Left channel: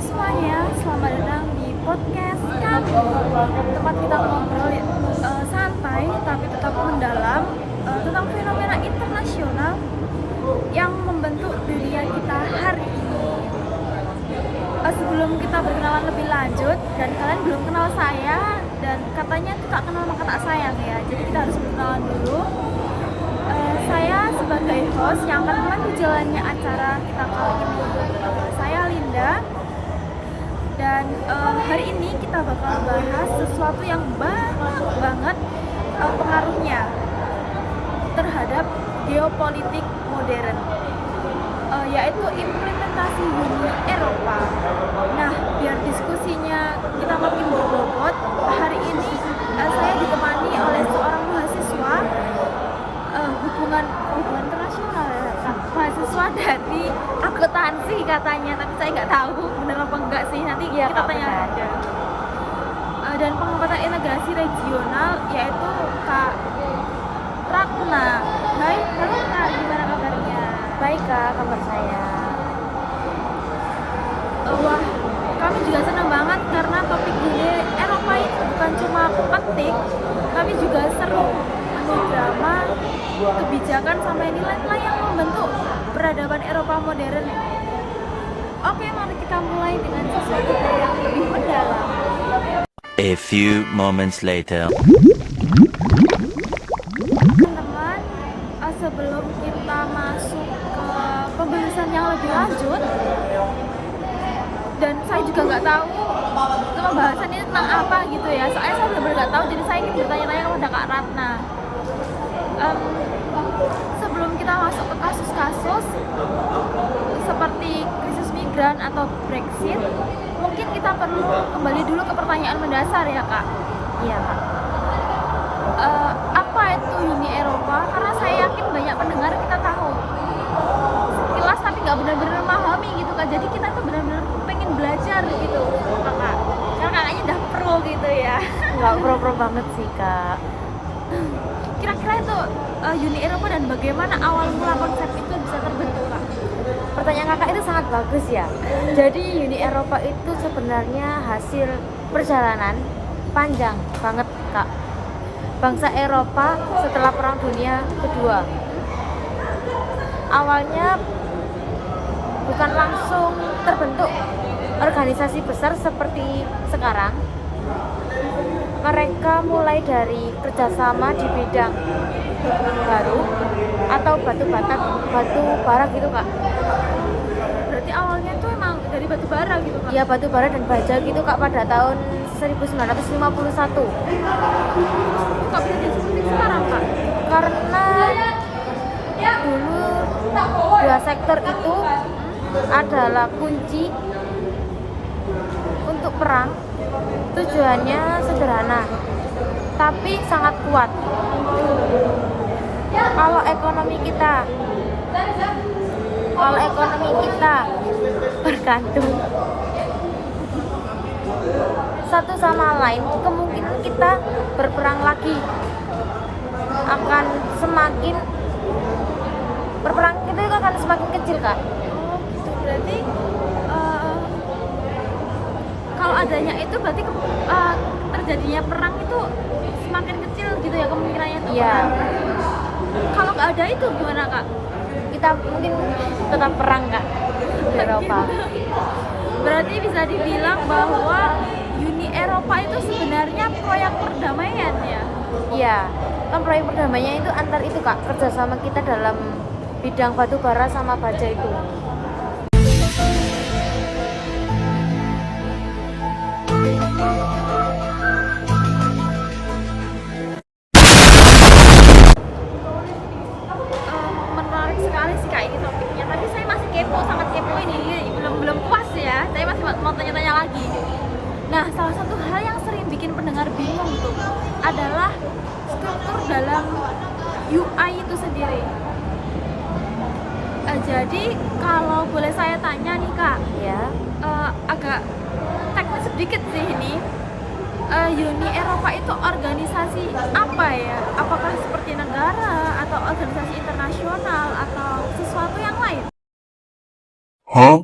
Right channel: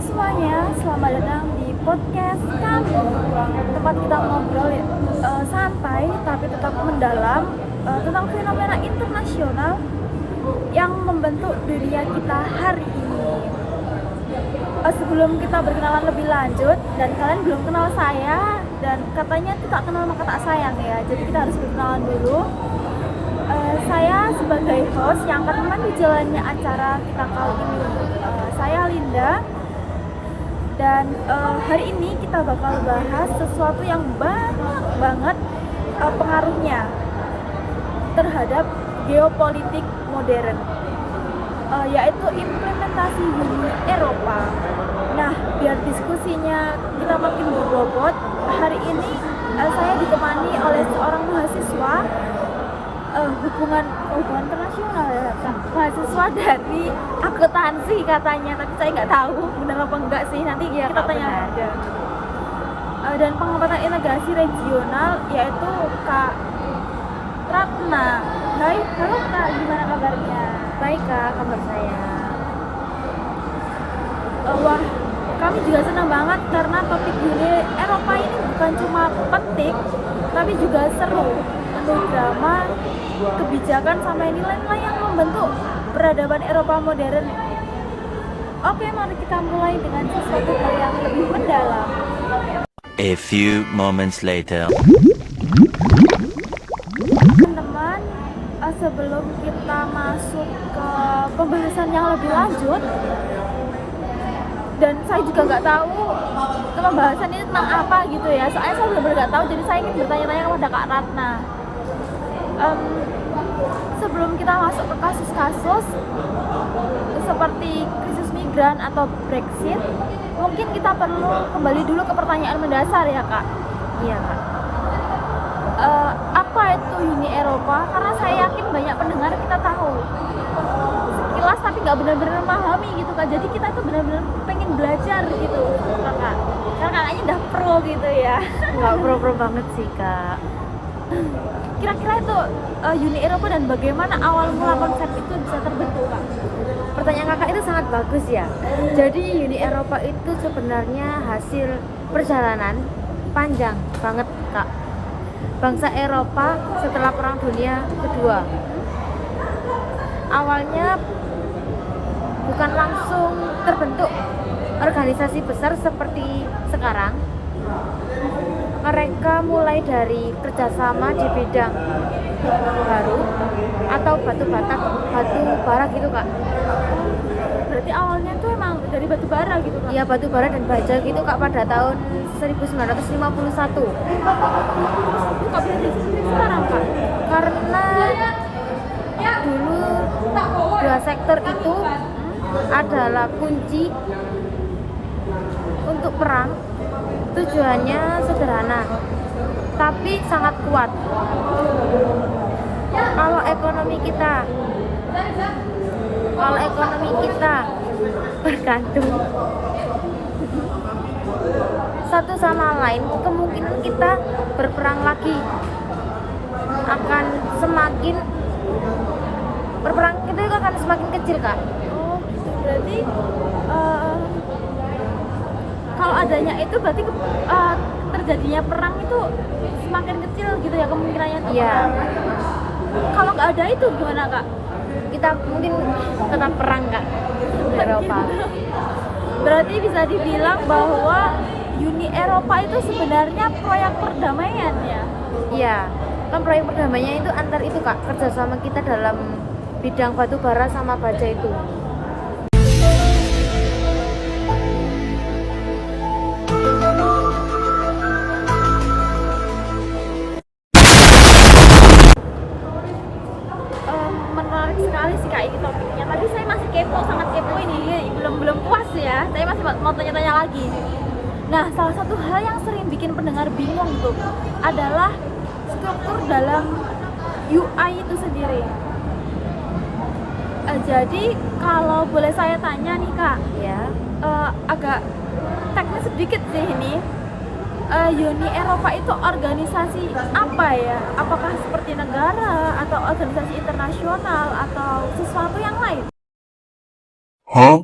semuanya, selamat datang di podcast kami. Tempat kita ngobrol santai tapi tetap mendalam tentang fenomena internasional yang membentuk dunia kita hari ini. Sebelum kita berkenalan lebih lanjut, dan kalian belum kenal saya, dan katanya tidak kenal maka tak sayang ya, jadi kita harus berkenalan dulu. Saya sebagai host yang akan memandu jalannya acara kita kali ini, saya Linda. Dan hari ini kita bakal bahas sesuatu yang banyak banget pengaruhnya terhadap geopolitik modern, yaitu implementasi Uni Eropa. Nah, biar diskusinya kita makin berbobot, hari ini saya ditemani oleh seorang mahasiswa hubungan internasional ya, mahasiswa dari akuntansi katanya, tapi saya nggak tahu benar apa enggak sih, nanti ya, kita tanya aja. Dan pengamatan integrasi regional, yaitu Kak Ratna. Hai, halo Kak, gimana kabarnya? Baik Kak, kabar saya. Wah, kami juga senang banget karena topik Uni Eropa ini bukan cuma penting, tapi juga seru, penuh drama, kebijakan sampai nilai-nilai yang membentuk peradaban Eropa modern. Oke, mari kita mulai dengan sesuatu hal yang lebih mendalam. A few moments later. Teman-teman, sebelum kita masuk ke pembahasan yang lebih lanjut, dan saya juga nggak tahu pembahasan ini tentang apa gitu ya, soalnya saya benar-benar nggak tahu, jadi saya ingin bertanya-tanya kepada Kak Ratna. Sebelum kita masuk ke kasus-kasus seperti krisis migran atau Brexit, mungkin kita perlu kembali dulu ke pertanyaan mendasar ya Kak. Iya Kak. Apa itu Uni Eropa? Karena saya yakin banyak pendengar kita tahu sekilas tapi nggak benar-benar memahami gitu Kak. Jadi kita tuh benar-benar pengen belajar gitu sama Kakak, karena kakaknya udah pro gitu ya. Nggak pro-pro banget sih Kak. Kira-kira itu Uni Eropa dan bagaimana awal mula konsep itu bisa terbentuk Kak? Pertanyaan Kakak itu sangat bagus ya. Jadi Uni Eropa itu sebenarnya hasil perjalanan panjang banget Kak. Bangsa Eropa setelah Perang Dunia Kedua. Awalnya bukan langsung terbentuk organisasi besar seperti sekarang. Mereka mulai dari kerjasama di bidang baru atau batu bara gitu Kak. Berarti awalnya tuh emang dari batu bara gitu Kak? Iya, batu bara dan baja gitu Kak, pada tahun 1951. Itu Kak bisa jadi seperti sekarang Kak? Karena dulu dua sektor itu adalah kunci untuk perang. Tujuannya sederhana tapi sangat kuat. Kalau ekonomi kita bergantung satu sama lain, kemungkinan kita berperang lagi akan semakin kecil Kak. Oh gitu, berarti kalau adanya itu berarti terjadinya perang itu semakin kecil gitu ya kemungkinannya untuk perang. Kalau nggak ada itu gimana Kak? Kita mungkin tetap perang Kak di Eropa. Berarti bisa dibilang bahwa Uni Eropa itu sebenarnya proyek perdamaian ya? Iya, kan proyek perdamaiannya itu antar itu Kak, kerjasama kita dalam bidang batu bara sama baja itu. Menarik sekali sih Kak ini topiknya. Tapi saya masih kepo, sangat kepo ini. Belum puas ya. Saya masih mau tanya-tanya lagi. Nah, salah satu hal yang sering bikin pendengar bingung tuh adalah struktur dalam UI itu sendiri. Jadi kalau boleh saya tanya nih Kak, Ya. Agak teknis sedikit sih ini. Uni Eropa itu organisasi apa ya? Apakah seperti negara atau organisasi internasional atau sesuatu yang lain? Huh?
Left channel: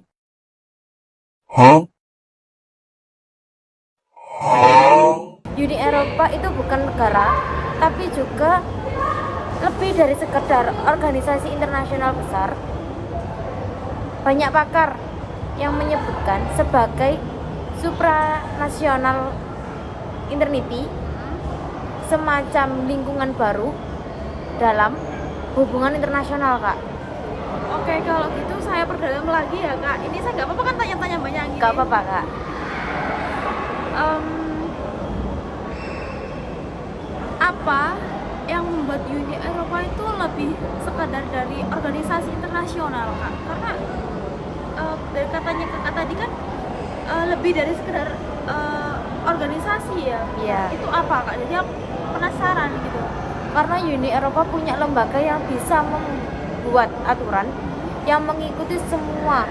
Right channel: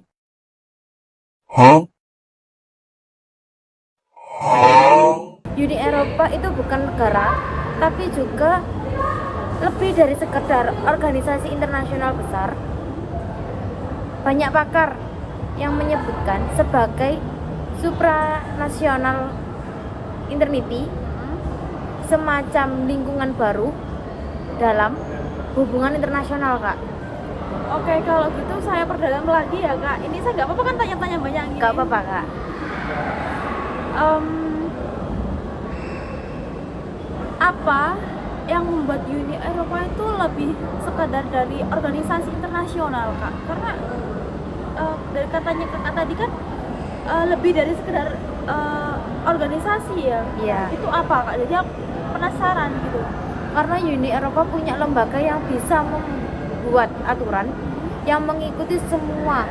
Uni Eropa itu bukan negara, tapi juga lebih dari sekedar organisasi internasional besar. Banyak pakar yang menyebutkan sebagai supranational entity, semacam lingkungan baru dalam hubungan internasional, Kak. Oke, kalau gitu saya perdalam lagi ya kak. Ini saya nggak apa-apa kan tanya-tanya banyak gini. Gak apa-apa, Kak. Apa yang membuat Uni Eropa itu lebih sekadar dari organisasi internasional kak? Karena dari katanya kakak tadi kan lebih dari sekedar organisasi ya. Iya. Itu apa kak? Jadi aku penasaran gitu. Karena Uni Eropa punya lembaga yang bisa membuat aturan yang mengikuti semua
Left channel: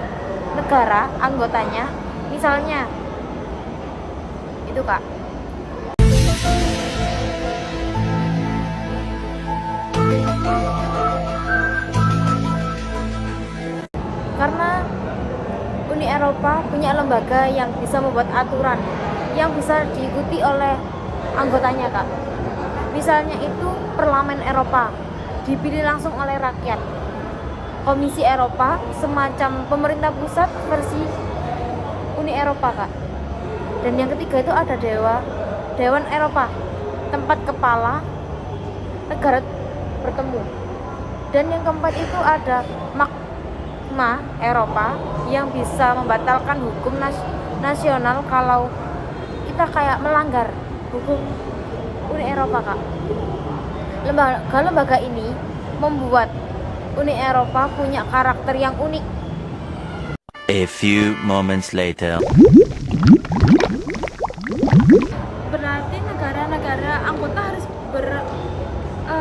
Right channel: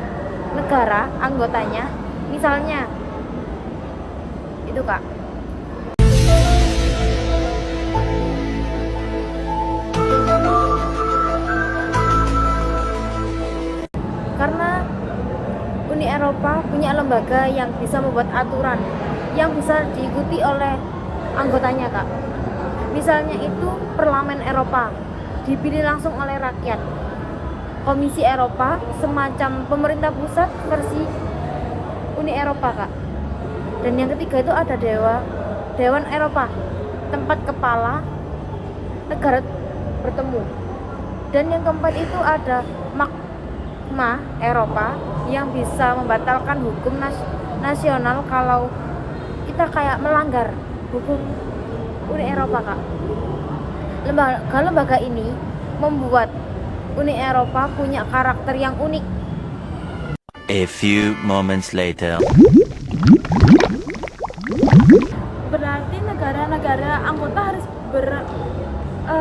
negara anggotanya. Misalnya itu, Kak. Karena Uni Eropa punya lembaga yang bisa membuat aturan yang bisa diikuti oleh anggotanya, Kak. Misalnya itu Parlemen Eropa, dipilih langsung oleh rakyat. Komisi Eropa, semacam pemerintah pusat versi Uni Eropa, Kak. Dan yang ketiga itu ada Dewan Eropa, tempat kepala negara bertemu. Dan yang keempat itu ada Mahkamah Eropa yang bisa membatalkan hukum nasional kalau kita kayak melanggar hukum Uni Eropa, Kak. Lembaga ini membuat Uni Eropa punya karakter yang unik. A few moments later. Berarti negara-negara anggota harus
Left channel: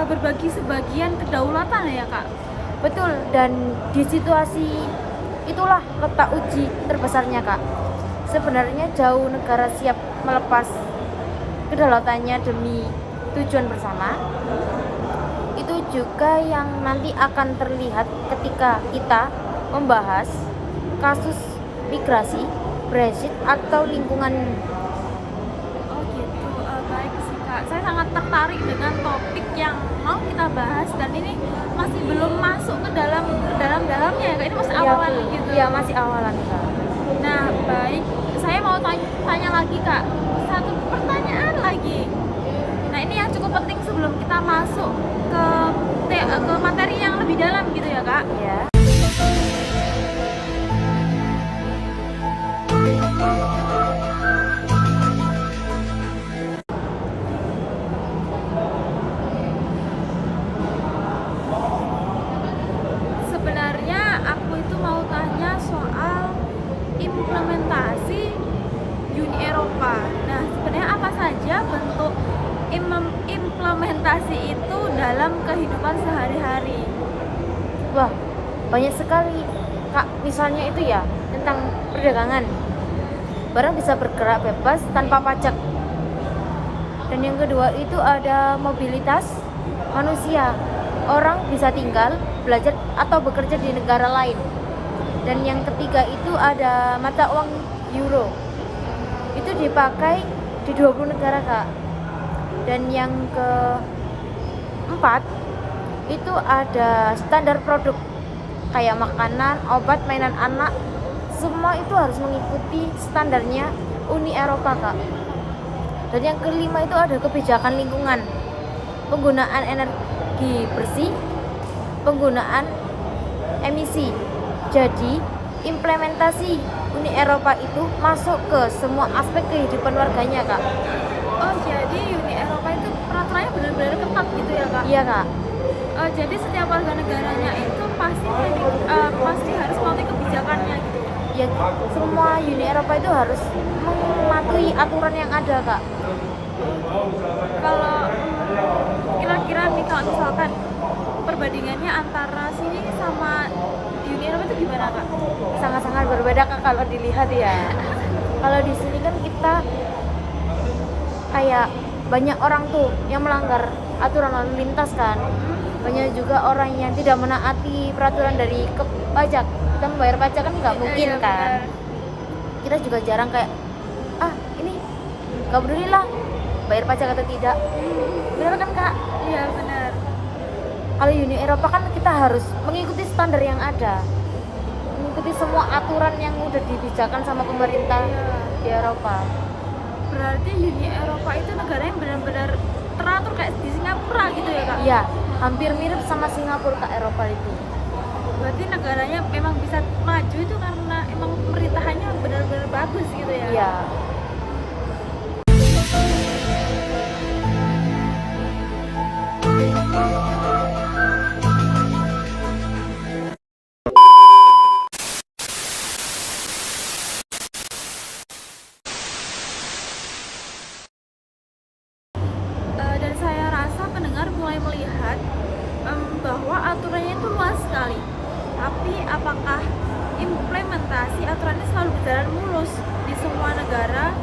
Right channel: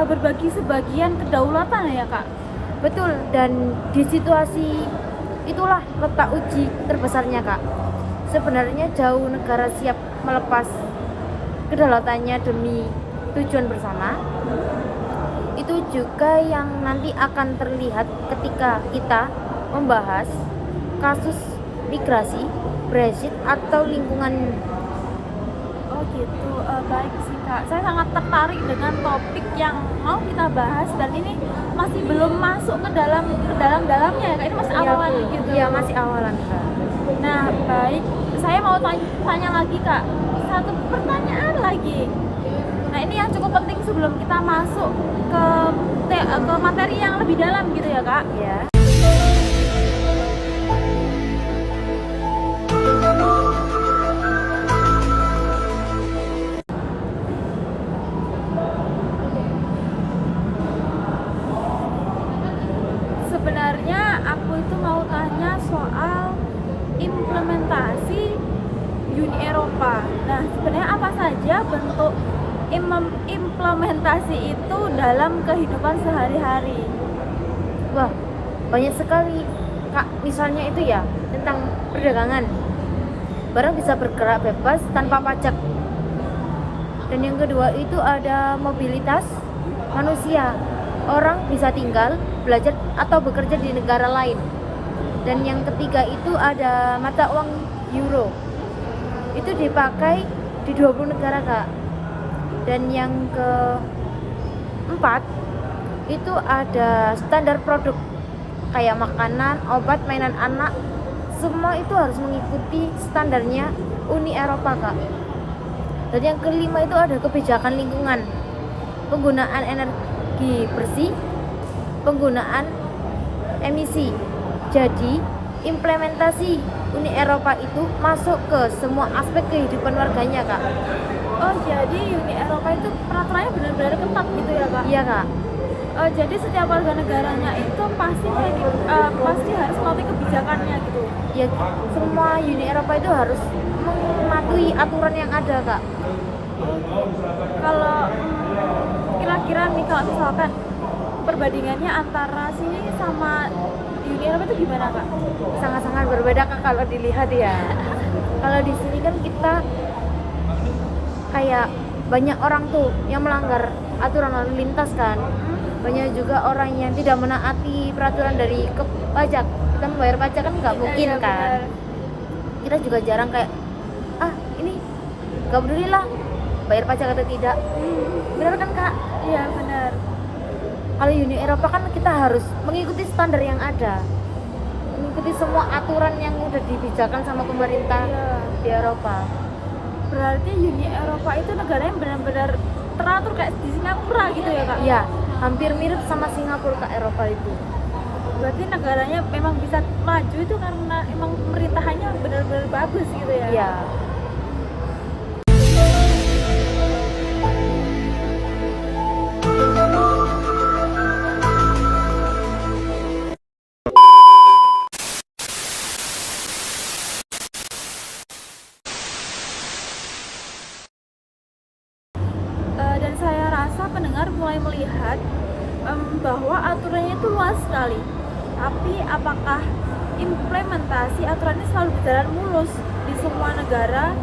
berbagi sebagian kedaulatan ya kak? Betul, dan di situasi itulah letak uji terbesarnya, Kak. Sebenarnya jauh negara siap melepas kedaulatannya demi tujuan bersama. Itu juga yang nanti akan terlihat ketika kita membahas kasus migrasi, Brexit, atau lingkungan. Oh gitu, baik sih kak. Saya sangat tertarik dengan topik yang mau kita bahas dan ini masih belum masuk ke dalamnya ya kak. Ini masih awalan gitu. Iya, masih awalan, Kak. Nah baik, saya mau tanya lagi kak. Satu pertanyaan lagi. Nah ini yang cukup penting sebelum kita masuk ke materi yang lebih dalam gitu ya kak. Ya. Sebenarnya aku itu mau tanya soal implementasi Uni Eropa. Nah, sebenarnya apa saja bentuk implementasi itu dalam kehidupan sehari-hari? Wah, banyak sekali, Kak. Misalnya itu ya tentang perdagangan. Barang bisa bergerak bebas tanpa pajak. Dan yang kedua itu ada mobilitas manusia. Orang bisa tinggal, belajar atau bekerja di negara lain. Dan yang ketiga itu ada mata uang euro. Itu dipakai di 20 negara, Kak. Dan yang keempat itu ada standar produk kayak makanan, obat, mainan anak. Semua itu harus mengikuti standarnya Uni Eropa, Kak. Dan yang kelima itu ada kebijakan lingkungan, penggunaan energi bersih, penggunaan emisi. Jadi implementasi Uni Eropa itu masuk ke semua aspek kehidupan warganya, Kak. Oh, jadi Uni Eropa itu peraturannya benar-benar ketat gitu ya kak? Iya, Kak. Jadi setiap warga negaranya itu pasti harus mengikuti kebijakannya gitu. Ya, semua Uni Eropa itu harus mematuhi aturan yang ada, Kak. Oke. Kalau kira-kira nih kalau misalkan perbandingannya antara sini sama Uni Eropa itu gimana kak? Sangat-sangat berbeda, Kak, kalau dilihat ya. Kalau di sini kan kita kayak banyak orang tuh yang melanggar aturan lalu lintas kan. Banyak juga orang yang tidak menaati peraturan dari pajak. Kita membayar pajak kan nggak mungkin Iya, kan. benar. Kita juga jarang kayak ini nggak peduli lah, bayar pajak atau tidak. Benar kan kak? Iya benar. Kalau Uni Eropa kan kita harus mengikuti standar yang ada, mengikuti semua aturan yang udah dibijakan sama pemerintah Iya. di Eropa. Berarti Uni Eropa itu negara yang benar-benar teratur kayak di Singapura gitu ya kak? Iya, hampir mirip sama Singapura kak Eropa itu. Berarti negaranya memang bisa maju itu karena emang pemerintahannya benar-benar bagus gitu ya? Iya. Dan saya rasa pendengar mulai melihat bahwa aturannya itu luas sekali. Tapi apakah implementasi aturan ini selalu berjalan mulus di semua negara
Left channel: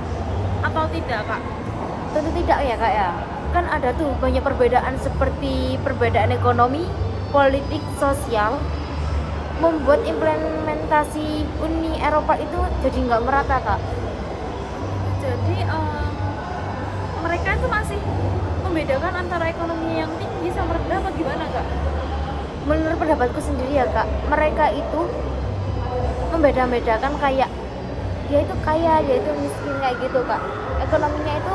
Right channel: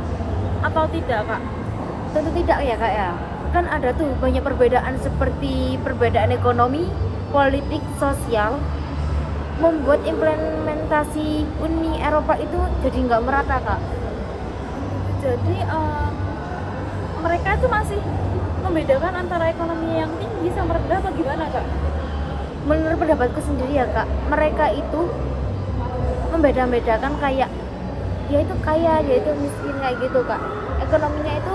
atau tidak kak? Tentu tidak ya kak ya. Kan ada tuh banyak perbedaan seperti perbedaan ekonomi, politik, sosial, membuat implementasi Uni Eropa itu jadi nggak merata kak. Jadi mereka itu masih membedakan antara ekonomi yang tinggi sama rendah apa gimana kak? Menurut pendapatku sendiri ya kak, mereka itu membeda-bedakan kayak dia itu kaya, dia itu miskin kayak gitu kak. Ekonominya itu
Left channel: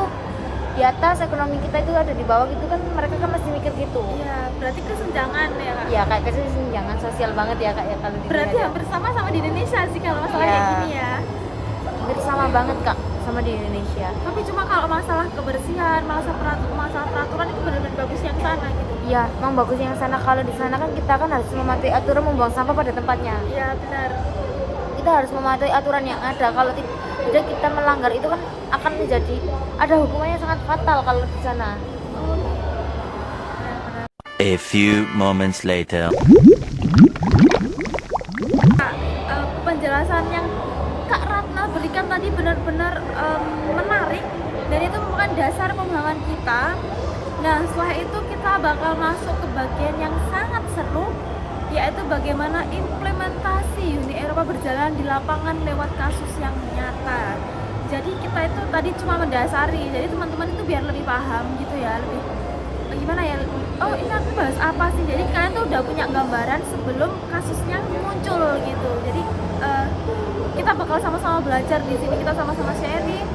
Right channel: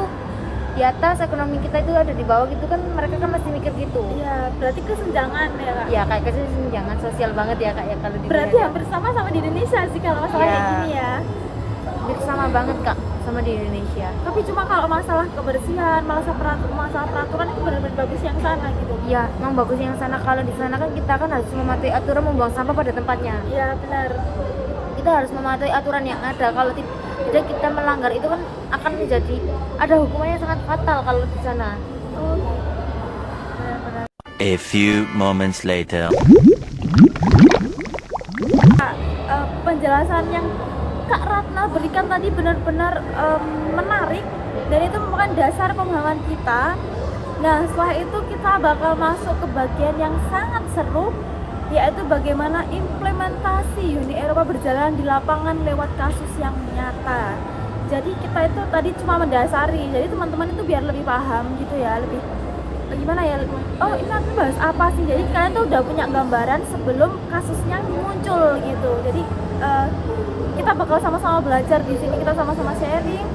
di atas, ekonomi kita itu ada di bawah gitu kan, mereka kan masih mikir gitu. Iya, berarti kesenjangan ya kak? Ya kayak kesenjangan sosial banget ya kak ya kalau di Berarti dunia. hampir sama di Indonesia sih kalau masalah Iya. kayak gini ya. Hampir sama banget kak sama di Indonesia. Tapi cuma kalau masalah kebersihan, masalah peraturan itu benar-benar bagus yang sana gitu. Iya, memang bagus yang sana. Kalau di sana kan kita kan harus mematuhi aturan membuang sampah pada tempatnya. Iya benar. Kita harus mematuhi aturan yang ada. Kalau tidak kita melanggar itu kan akan menjadi ada hukumannya sangat fatal kalau di sana. Oh, benar-benar. A few moments later. Penjelasan yang Kak Ratna berikan tadi benar-benar menarik dan itu merupakan dasar pemahaman kita. Nah, setelah itu kita bakal masuk ke bagian yang sangat seru, yaitu bagaimana implementasi Uni Eropa berjalan di lapangan lewat kasus yang nyata. Jadi kita itu tadi cuma mendasari, jadi teman-teman itu biar lebih paham gitu ya, lebih bagaimana ya, oh ini nanti bahas apa sih, jadi kalian tuh udah punya gambaran sebelum kasusnya muncul gitu. Jadi kita bakal sama-sama belajar di sini, kita sama-sama sharing.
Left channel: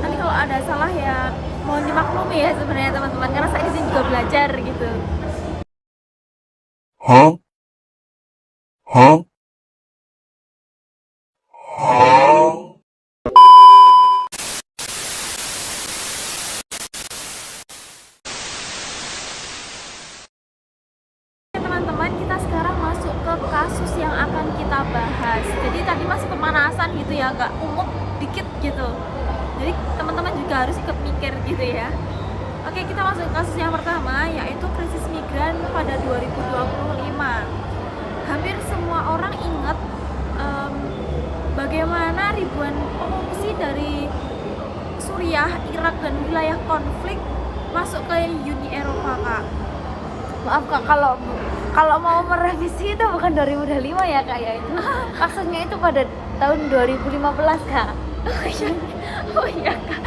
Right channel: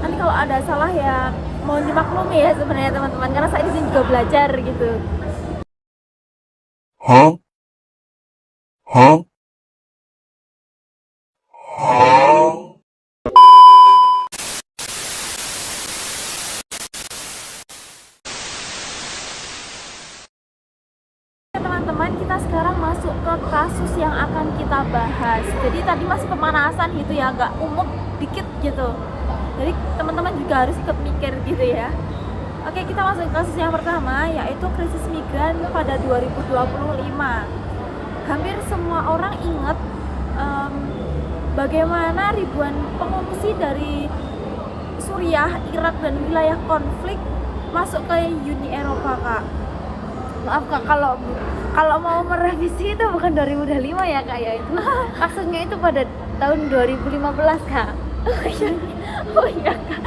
Nanti kalau ada salah ya mohon dimaklumi ya sebenarnya teman-teman, karena saya di sini juga belajar gitu. Huh? Huh? Teman-teman, kita sekarang masuk ke kasus yang akan kita bahas. Jadi tadi masih pemanasan gitu ya, agak umum dikit gitu. Jadi teman-teman juga harus ikut mikir gitu ya. Oke, kita masuk ke kasus yang pertama, yaitu krisis migran pada 2025. Hampir semua orang ingat bagaimana ribuan pengungsi dari Suriah, Irak, dan wilayah konflik masuk ke Uni Eropa, Kak. Maaf kak, kalau mau merevisi itu bukan 2025 ya kak ya, itu kasusnya itu pada tahun 2015 kak. Oh iya Kak.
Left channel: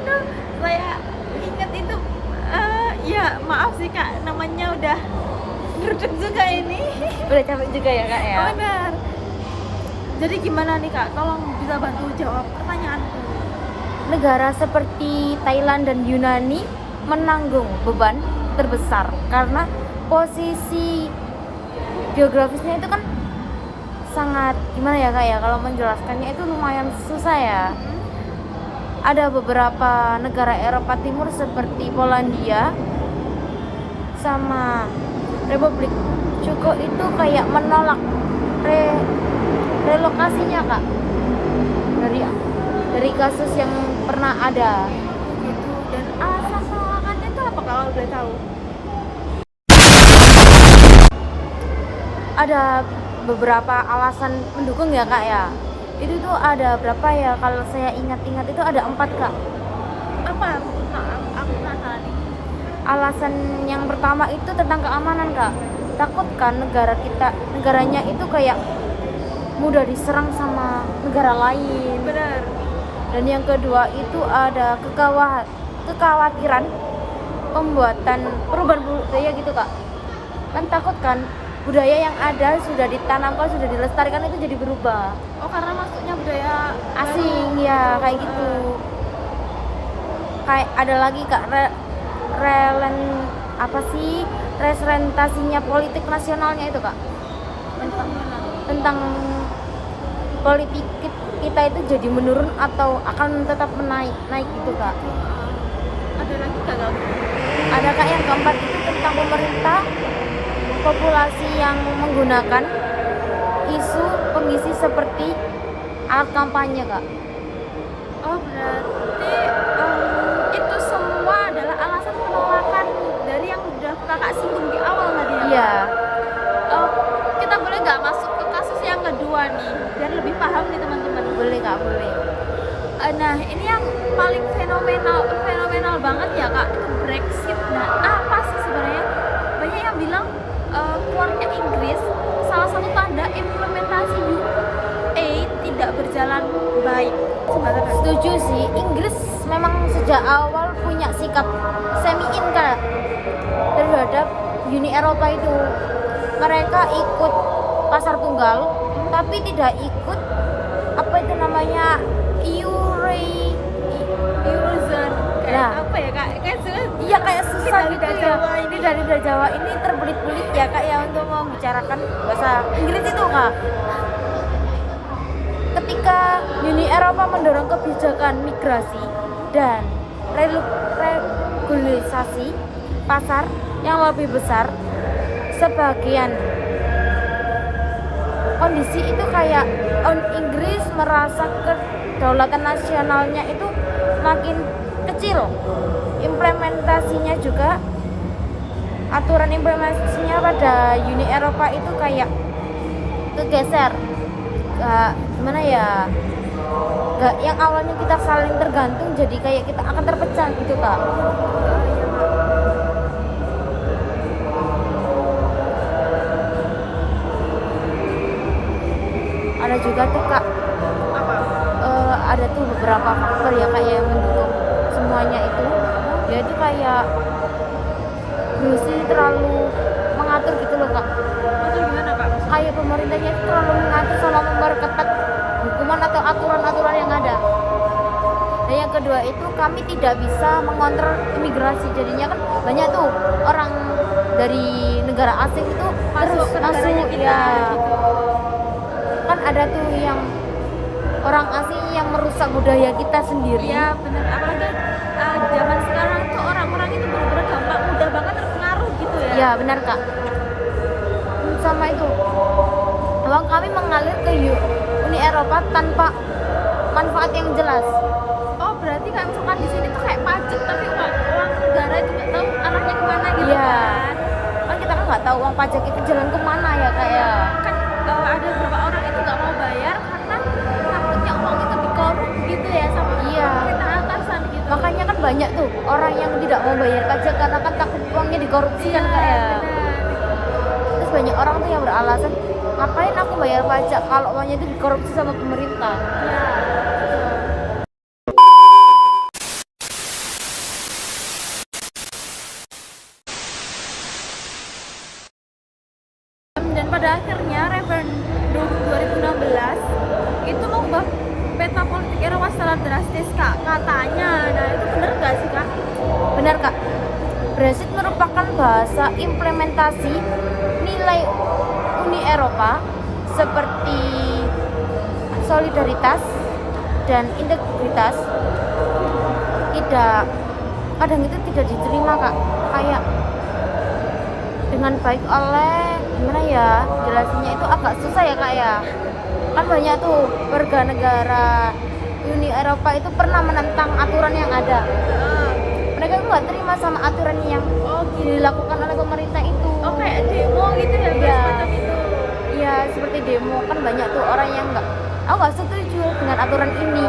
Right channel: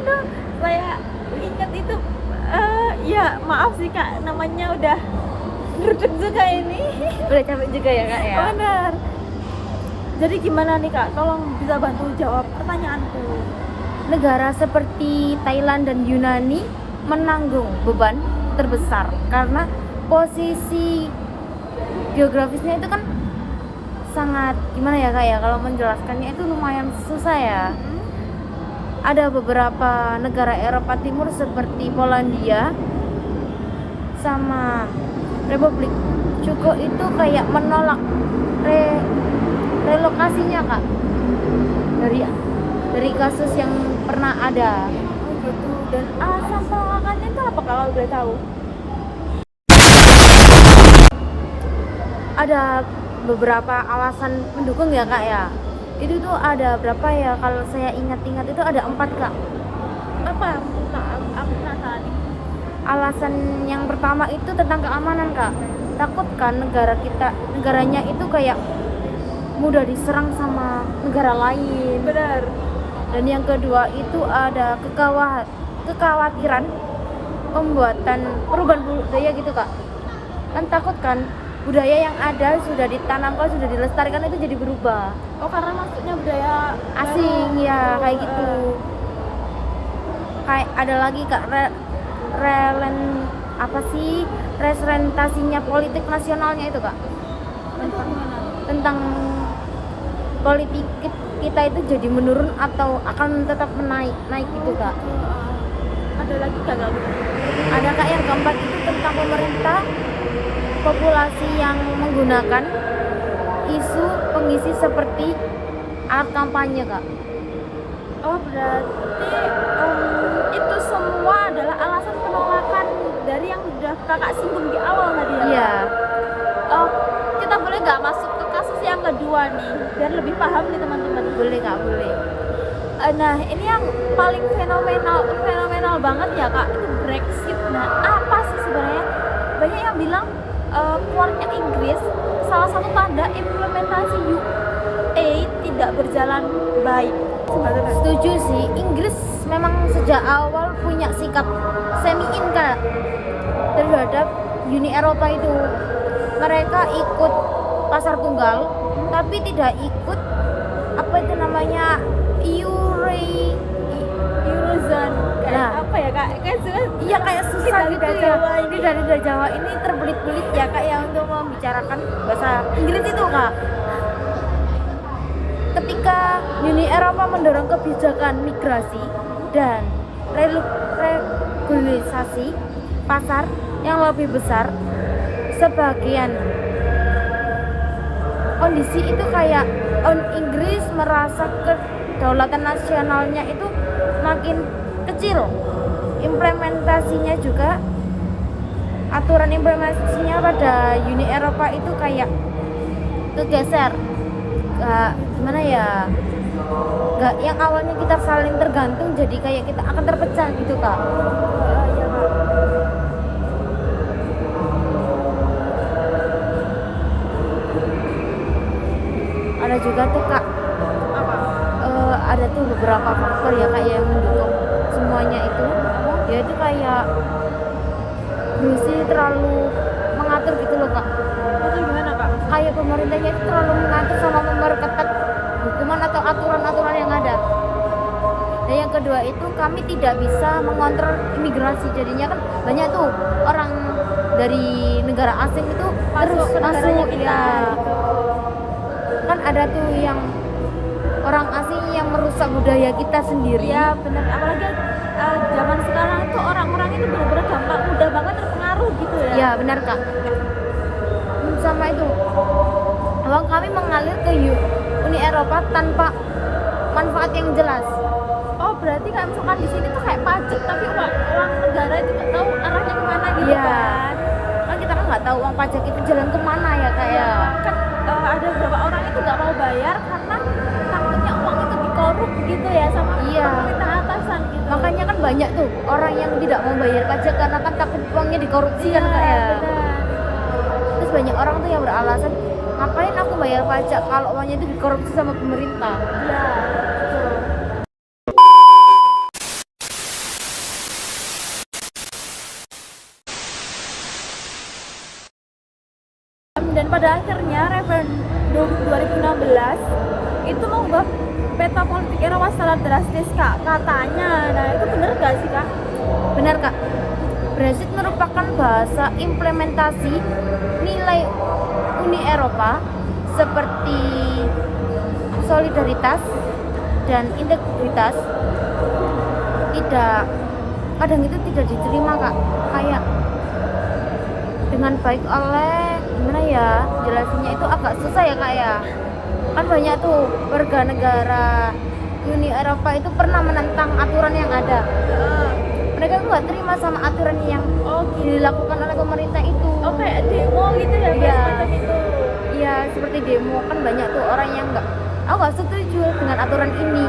Aduh, saya ingat itu. Ya maaf sih Kak, namanya udah ngeruduk juga ini. Udah capek juga ya kak ya. Oh, benar. Jadi gimana nih Kak? Tolong bisa bantu jawab pertanyaanku. Negara seperti Thailand dan Yunani menanggung beban terbesar karena posisi geografisnya itu kan sangat gimana ya kak ya, kalau menjelaskannya itu lumayan susah ya. Ada beberapa negara Eropa Timur seperti Polandia sama Republik Ceko itu kayak menolak relokasinya kak dari kasus yang pernah ada. Oh gitu. Dan alasan penolakannya itu apa kalau boleh tahu? Ada beberapa alasan mendukung ya kak ya. Itu tuh ada berapa ya, kalau saya ingat-ingat itu ada 4 kak. Apa? Aku penasaran nih. Alasan yang pertama itu tentang keamanan kak. Takut kan negaranya itu kayak mudah diserang sama negara lain. Benar. Dan yang kedua itu ada kekhawatiran pembuatan perubahan budaya gitu kak. Kan takut kan budaya yang ada sudah ditanamkan, sudah dilestarikan itu jadi berubah. Oh, karena masuknya budaya Asing baru ya gitu. kayak gitu. Kayak ada lagi kak apa sih representasinya politik nasionalnya itu kak, Itu gimana? tentang politik kita itu jadi menurun atau akan tetap naik gitu kak. Ada lagi gagal gitu. Ada kak yang keempat itu tentang pemerintah, populasi yang menggunakan isu pengisi seperti alat kampanye kak. Oh, berarti itu semua adalah alasan penolakan dari yang udah kakak singgung di awal tadi ya? Iya. Oh, kita boleh nggak masuk ke kasus yang kedua nih, biar lebih paham nih teman-teman. Boleh kak, boleh. Nah, ini yang paling fenomenal banget ya kak, itu Brexit. Nah, apa sih sebenarnya? Banyak yang bilang keluarnya Inggris salah satu tanda implementasi UA tidak berjalan baik. Sebenarnya Setuju sih, Inggris memang sejak awal punya sikap semi-in kak terhadap Uni Eropa itu. Mereka ikut pasar tunggal, tapi tidak ikut apa itu namanya Eurozone kayak Ya. apa ya kak? Kayak Iya kayak susah gitu lidah ya. Jawa ini. Lidah Jawa ini terbelit-belit ya kak ya untuk membicarakan bahasa Inggris itu kak. Ketika Uni Eropa mendorong kebijakan migrasi dan regulasi pasar yang lebih besar, sebagian kondisi itu kayak Inggris merasa kedaulatan nasionalnya itu makin kecil. Implementasinya juga, aturan implementasinya pada Uni Eropa itu kayak kegeser. Gimana ya, gak yang awalnya kita saling tergantung jadi kayak kita akan terpecah gitu kak. Iya kak. Ada juga tuh kak Apa? ada tuh beberapa faktor ya kak yang mendukung semuanya itu, yaitu kayak Brusi terlalu mengatur gitu loh kak. Itu gimana kak? Kayak pemerintahnya itu terlalu mengatur sama memperketat hukuman atau aturan-aturan yang ada. Dan yang kedua itu kami tidak bisa mengontrol imigrasi, jadinya kan banyak tuh orang dari negara asing itu Masuk ke negaranya kita ya. gitu. Kan ada tuh yang orang asing yang merusak budaya kita sendiri. Iya benar, apalagi zaman sekarang tuh orang-orang itu benar-benar mudah banget terpengaruh gitu ya. Ya benar kak. Sama itu uang kami mengalir ke Uni Eropa tanpa manfaat yang jelas. Oh, berarti kayak misalkan di sini tuh kayak pajak tapi uang negara itu nggak tahu arahnya kemana gitu Iya. kan. Kan kita kan nggak tahu uang pajak itu jalan kemana ya kak ya. Kan ada beberapa orang itu nggak mau bayar karena takutnya uang itu dikorup gitu ya sama Iya. pemerintah atasan gitu. Makanya kan banyak tuh orang yang tidak mau bayar pajak karena kan takut uangnya dikorupsi Iya kan kak ya. benar itu. Terus banyak orang tuh yang beralasan ngapain aku bayar pajak kalau uangnya itu dikorupsi sama pemerintah. Iya betul. Dan pada akhirnya referendum 2016 itu mengubah peta politik Eropa secara drastis kak katanya. Nah itu bener gak sih kak? Benar kak. Brexit merupakan bahasa implementasi nilai Uni Eropa seperti solidaritas dan integritas kadang itu tidak diterima kak, kayak dengan baik oleh gimana ya jelasinnya itu agak susah ya kak ya. Kan banyak tuh warga negara Uni Eropa itu pernah menentang aturan yang ada. Mereka tuh nggak terima sama aturan yang dilakukan oleh pemerintah itu. Oh kayak demo gitu ya Iya. semacam itu. Iya seperti demo, kan banyak tuh orang yang aku nggak setuju dengan aturan ini,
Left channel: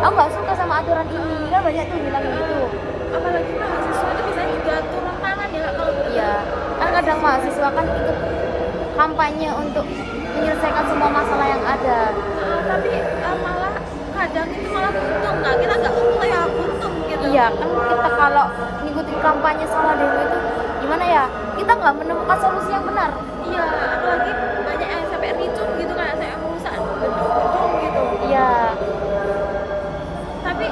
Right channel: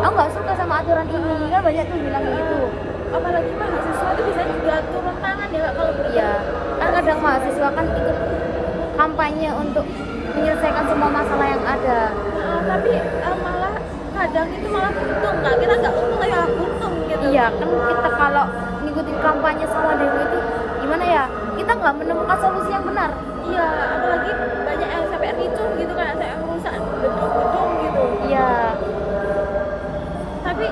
aku nggak suka sama aturan ini, kan banyak tuh bilang gitu. Apalagi mahasiswa itu bisa juga turun tangan ya Kak, kalau Iya, kan kadang mahasiswa kan ikut kampanye untuk menyelesaikan semua masalah yang ada. Tapi malah kadang itu malah buntung kak, kita nggak untung tapi malah buntung gitu. Iya kan, kita kalau ngikutin kampanye sama demo itu gimana ya, kita nggak menemukan solusi yang benar. Iya, apalagi banyak yang sampai ricuh gitu kan, sampai merusak gedung-gedung gitu. Iya, Tapi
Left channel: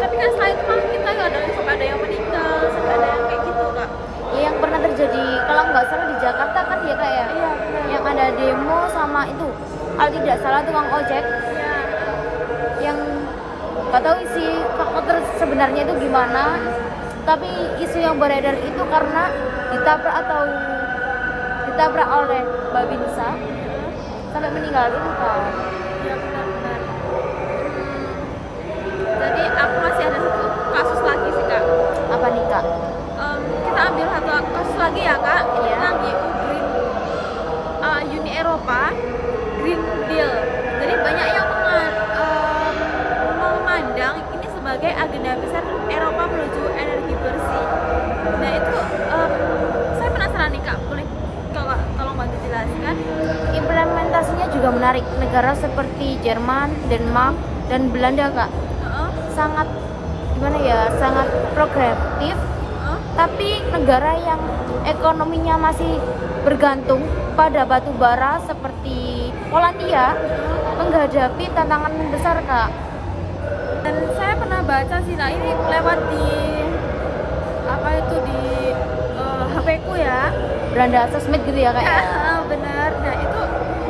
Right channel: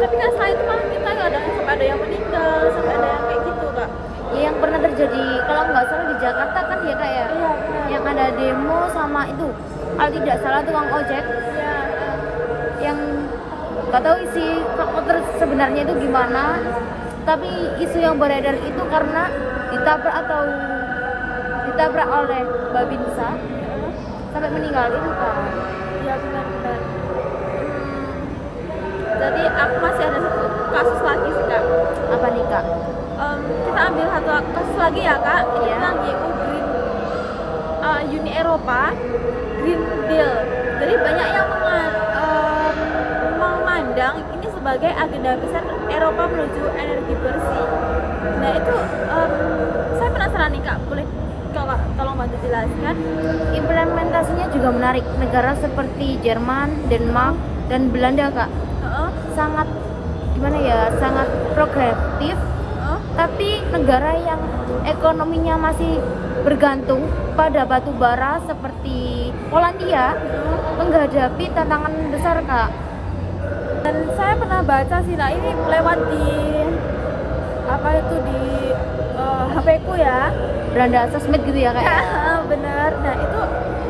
tapi kan setelah itu malah kita kadang sampai ada yang meninggal, sampai ada yang kayak gitu kak. ya yang pernah terjadi kalau nggak salah di Jakarta kan ya kak ya, Iya benar. yang ada demo sama itu kalau tidak salah tukang ojek Iya, yang nggak tahu sih faktor sebenarnya itu gimana, tapi isu yang beredar itu karena ditabrak oleh babi Nisa sampai meninggal itu kan. iya benar-benar. Jadi aku masih ada satu kasus lagi sih kak. Apa nih kak? Kita ambil satu kasus lagi ya kak. Itu Iya. tentang EU Green, Uni Eropa Green Deal. Jadi banyak yang memandang ini sebagai agenda besar Eropa menuju energi bersih. Nah itu saya penasaran nih kak, boleh kakak tolong bantu jelaskan? Implementasinya juga menarik. Negara seperti Jerman, Denmark, dan Belanda kak sangat gimana ya, sangat progresif. Tapi negara yang ekonominya masih bergantung pada batu bara seperti Polandia menghadapi tantangan besar kak. Dan saya pernah baca sih, nah ini lewat di apa itu di HP ku ya. Belanda sosmed gitu ya kak ya? Bener. Nah itu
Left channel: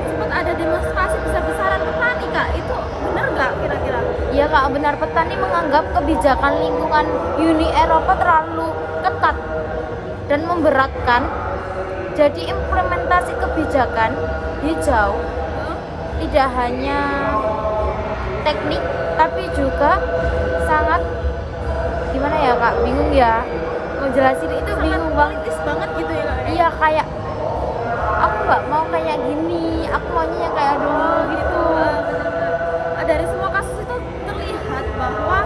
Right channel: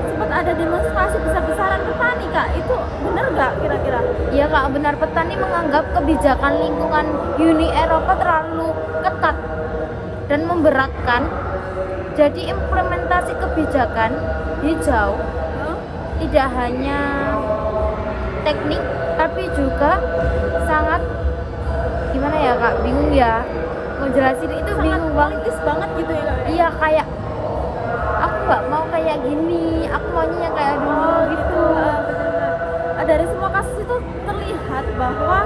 sempat ada demonstrasi besar-besaran petani kak. Itu bener nggak kira-kira? Iya kak, benar. Petani menganggap kebijakan lingkungan Uni Eropa terlalu ketat dan memberatkan. Jadi implementasi kebijakan hijau tidak hanya teknik tapi juga sangat gimana ya kak, bingung ya mau jelasin itu, Sangat bingung banget. politis banget gitu ya kak? Iya, kayak aku nggak mau kayak gini, aku maunya yang kayak dulu Oh gitu, bener-bener. Dari semua kasus itu terlihat bahwa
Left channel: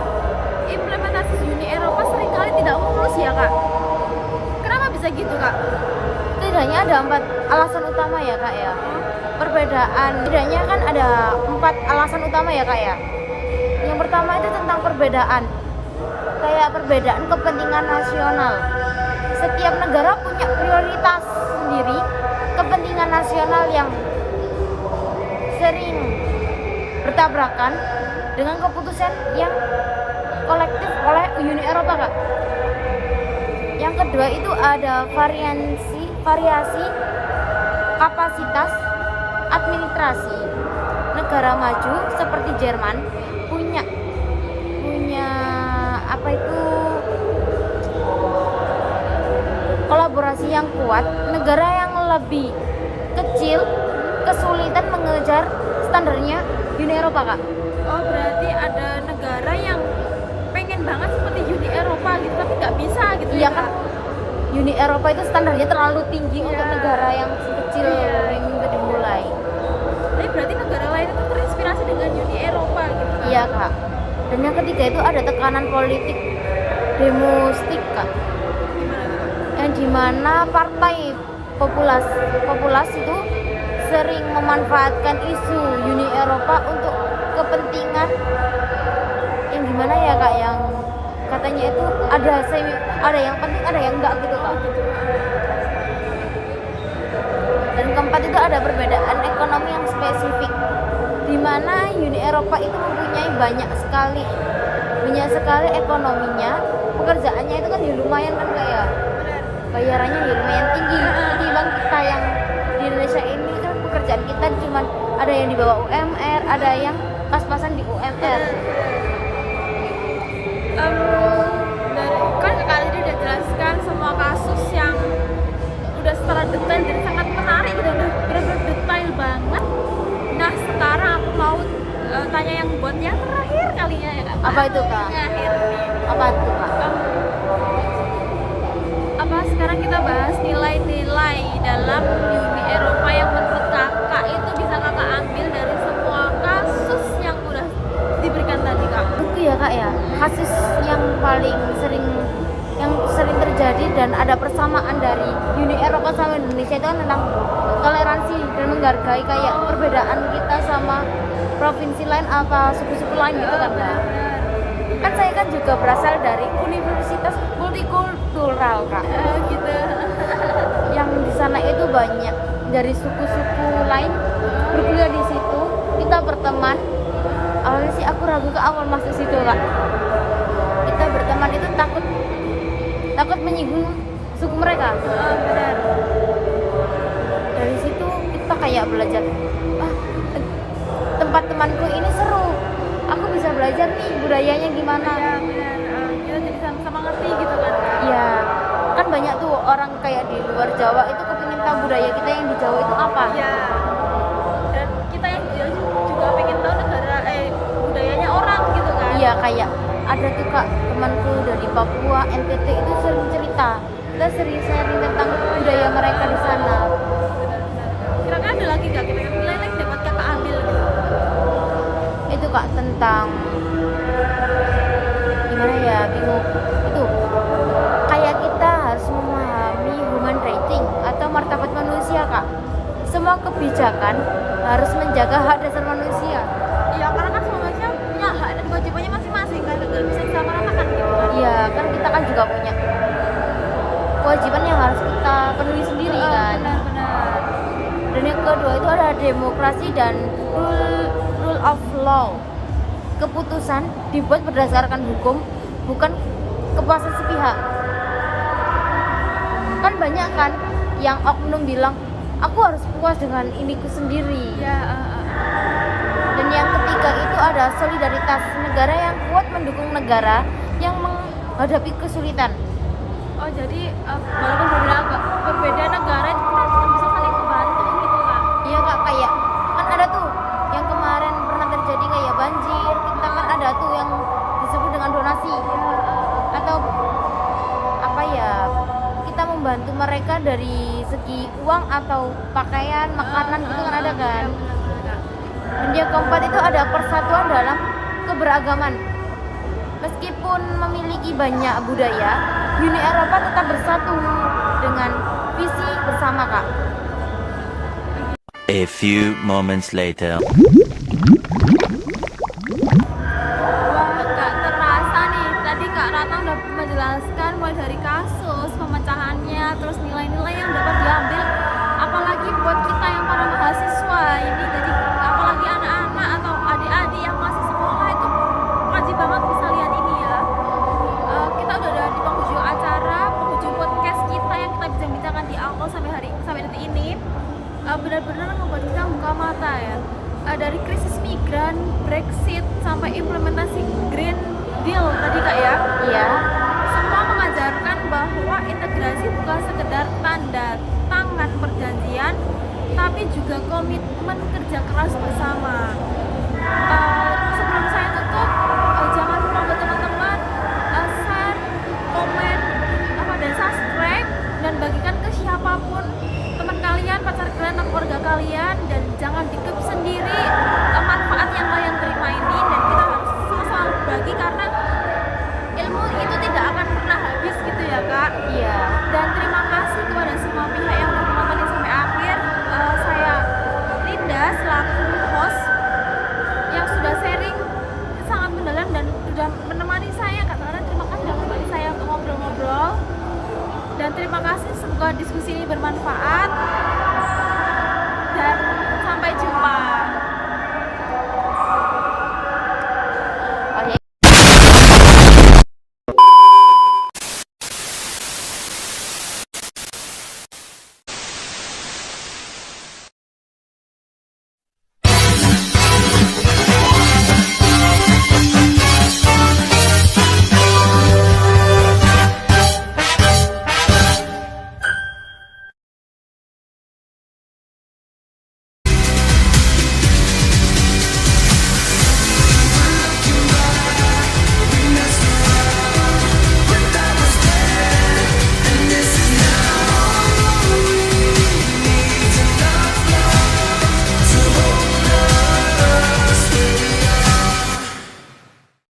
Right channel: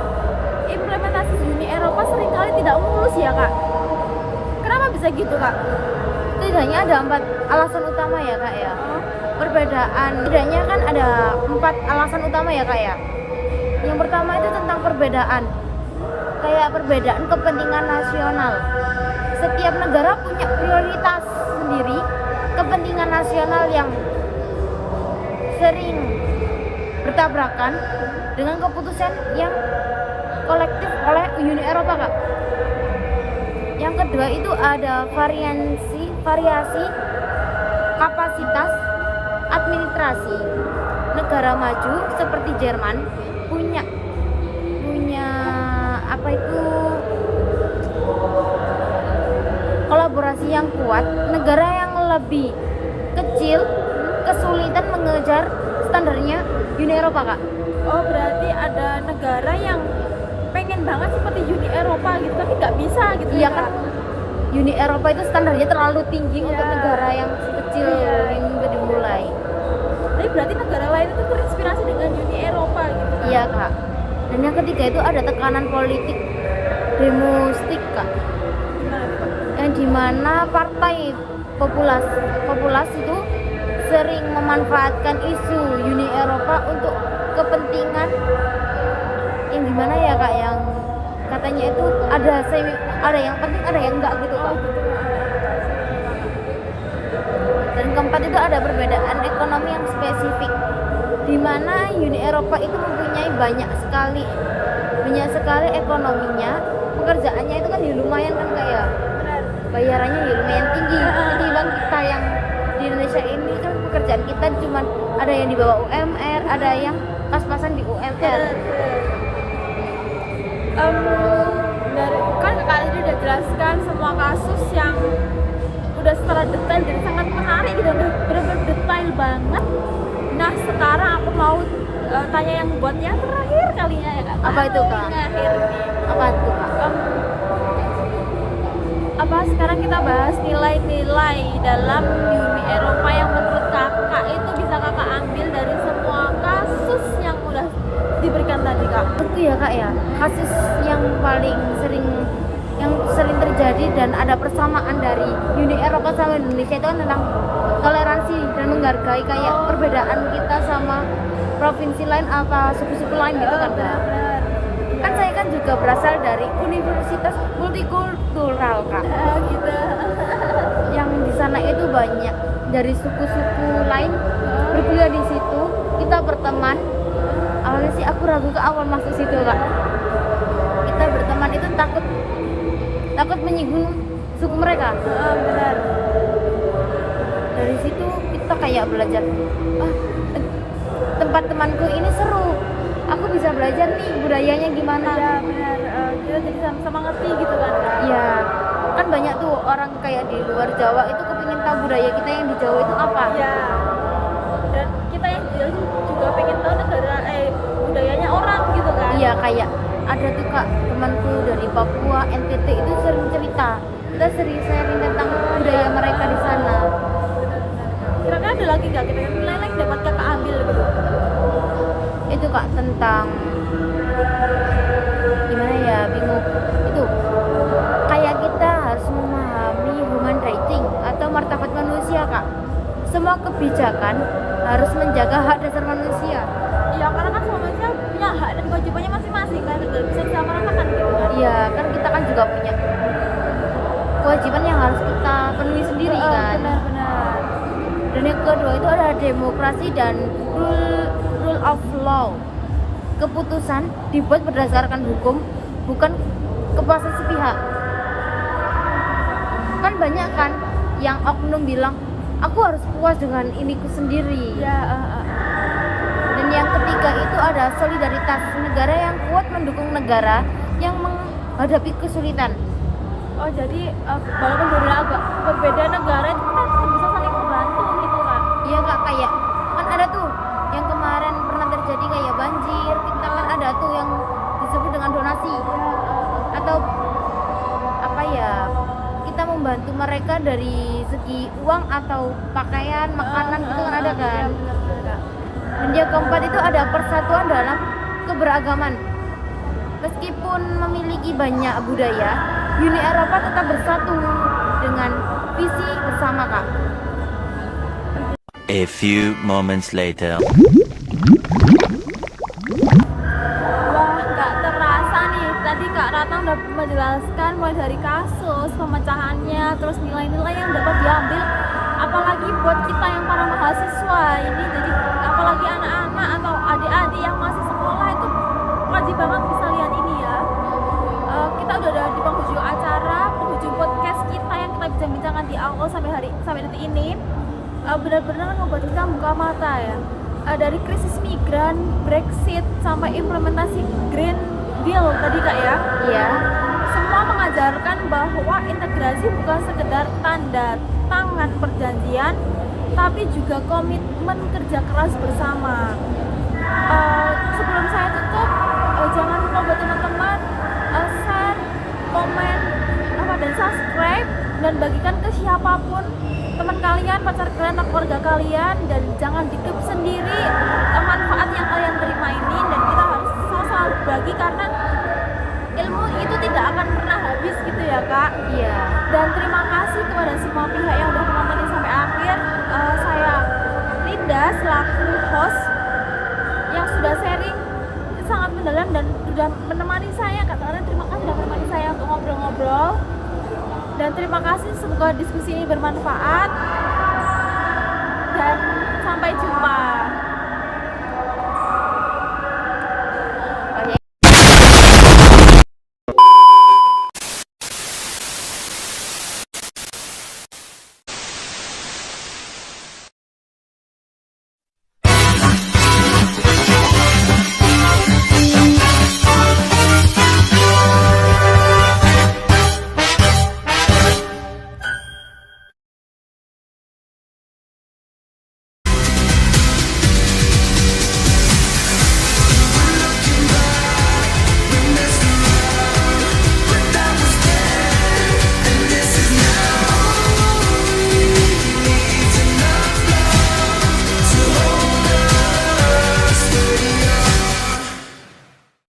implementasi Uni Eropa seringkali tidak mulus ya kak. Kenapa bisa gitu kak? Setidaknya ada 4 alasan utama ya kak ya. Perbedaan, setidaknya kan ada 4 alasan utama ya kak ya. Yang pertama itu tentang perbedaan, kayak perbedaan kepentingan nasional. Setiap negara punya prioritas sendiri, kepentingan nasional yang sering bertabrakan dengan keputusan yang kolektif oleh Uni Eropa kak. Yang kedua itu ada variasi kapasitas administrasi. Negara maju seperti Jerman punya apa itu kolaborasi yang kuat. Negara yang lebih kecil kesulitan mengejar standarnya Uni Eropa kak. Oh berarti ada negara yang pengen banget seperti Uni Eropa gitu tapi nggak bisa gitu Iya ya kan, kak? Uni Eropa itu standarnya terlalu tinggi Iya. untuk negara yang kecil Iya. yang ingin dimulai. Tapi berarti negara lain itu terinspirasi dengan Uni Eropa gitu kan? Iya kak. Dan yang ketiga itu ada tekanan politik domestik kak, Gimana tuh kak? yang dimana partai populas itu sering memanfaatkan isu Uni Eropa untuk kepentingan yang gimana ya kak, yang katanya itu ada yang penting ada yang enggak gitu kak. Gitu. Dan keempat itu ada perbedaan ekonomi yang spesifik, di mana Uni Eropa itu mempunyai banyak sekali ekonominya. Pekerjaannya itu kan ya lumayan kan kayak Benar. bayarannya ya lumayan tinggi ketimbang kita yang di Indonesia ini kan pekerjaan kita cuma ada yang di bawah UMR, ada yang pas-pasan di UMR. Dari kan kakak tadi udah jelaskan semua kasus yang udah secara detail dan sangat menarik gitu, udah bener-bener detail banget. Nah sekarang aku mau tanya yang buat yang terakhir kalinya ya kak. Apa itu, Kak? Paling akhir nih. Apa tuh kak? Apa sekarang kita bahas nilai-nilai dalam Uni Eropa yang menurut kakak itu bisa kakak ambil dari semua kasus yang udah diberikan tadi kak? Itu ya kak ya, kasus yang paling sering yang sering terjadi dan ada persamaan dari Uni Eropa sama Indonesia itu kan tentang toleransi dan menghargai kayak perbedaan kita sama provinsi lain apa suku-suku lain gitu kan Kak. benar-benar. Kan saya kan juga berasal dari Universitas Multikultural Kak, Gitu. yang di sana itu banyak dari suku-suku lain berkuliah di situ, kita berteman. Awalnya sih aku ragu ke awal masuk situ Kak, kita berteman itu takut menyinggung suku mereka. Benar. Dari situ kita kayak belajar, tempat temanku ini seru, aku bisa belajar nih budayanya gimana. Iya benar. Kita jadi sama-sama ngerti gitu kan Kak. Iya, kan banyak tuh orang kayak di luar Jawa itu kepingin tahu budaya kita yang di Jawa itu apa. Iya. Dan kita yang juga pengen tahu negara budayanya orang gitu kan. Iya, kayak ada tuh Kak temanku dari Papua, NTT itu sering cerita, kita sering sharing tentang budaya mereka di sana. Benar-benar Kak. Kira-kira ada lagi nggak kira-kira nilai yang dapat kakak ambil gitu? Itu Kak tentang gimana ya, bingung tuh, kayak kita harus memahami human rights atau martabat manusia Kak. Semua kebijakan harus menjaga hak dasar manusia. Iya, karena kan semua manusia punya hak dan kewajibannya masing-masing kan, gak bisa disamaratakan gitu kan. Iya, kan kita kan juga punya kewajiban yang harus kita penuhi sendiri kan. Benar-benar. Dan yang kedua itu ada demokrasi dan rule of law. Keputusan dibuat berdasarkan hukum, bukan kepuasan sepihak. Kan banyak kan yang oknum bilang, aku harus puas dengan iniku sendiri. Ya, Dan yang ketiga itu ada solidaritas, negara yang kuat mendukung negara yang menghadapi kesulitan. oh jadi walaupun berbeda negara itu kita tetap bisa saling membantu gitu Kak. Iya Kak, kayak kan ada tuh yang kemarin pernah terjadi kayak banjir, kita kan ada tuh yang disebut dengan donasi Iya, atau apa ya, kita membantu mereka dari segi uang atau pakaian, makanan gitu kan ada Iya kan. benar-benar Kak. Dan yang keempat itu ada persatuan dalam keberagaman. Meskipun memiliki banyak budaya, Uni Eropa tetap bersatu dengan visi bersama Kak. A few moments later. Wah, gak terasa nih. Tadi Kak Ratna udah menjelaskan mulai dari kasus, pemecahannya, terus nilai-nilai yang dapat diambil. Apalagi buat kita yang para mahasiswa ini, jadi apalagi anak-anak atau adik-adik yang masih sekolah itu wajib banget bisa lihat ini ya. Kita udah ada di penghujung acara, penghujung podcast kita yang kita bincang-bincangkan di awal sampai detik ini. Benar-benar membuat kita buka mata ya. Dari krisis migran, Brexit, sampai implementasi Green Deal tadi Kak ya. Iya. Semua mengajarkan bahwa integrasi bukan sekedar tanda tangan perjanjian, tapi juga komitmen kerja keras bersama. Sebelum saya tutup, jangan lupa buat teman-teman share, komen, dan subscribe, dan bagikan ke siapapun, teman kalian, pacar kalian, atau keluarga kalian, dan jangan dikep sendiri manfaat yang kalian terima ini, dan kita harus sama-sama berbagi karena ilmu itu tidak akan pernah habis gitu ya Kak. Iya. Dan terima kasih kepada semua pihak yang sudah menonton ini sampai akhir. Saya Linda selaku host yang sudah sharing sangat mendalam dan sudah menemani saya. Katakan terima kasih sudah menemani saya untuk ngobrol-ngobrol. Dan terima kasih, semoga diskusi ini bermanfaat. Dan sampai jumpa.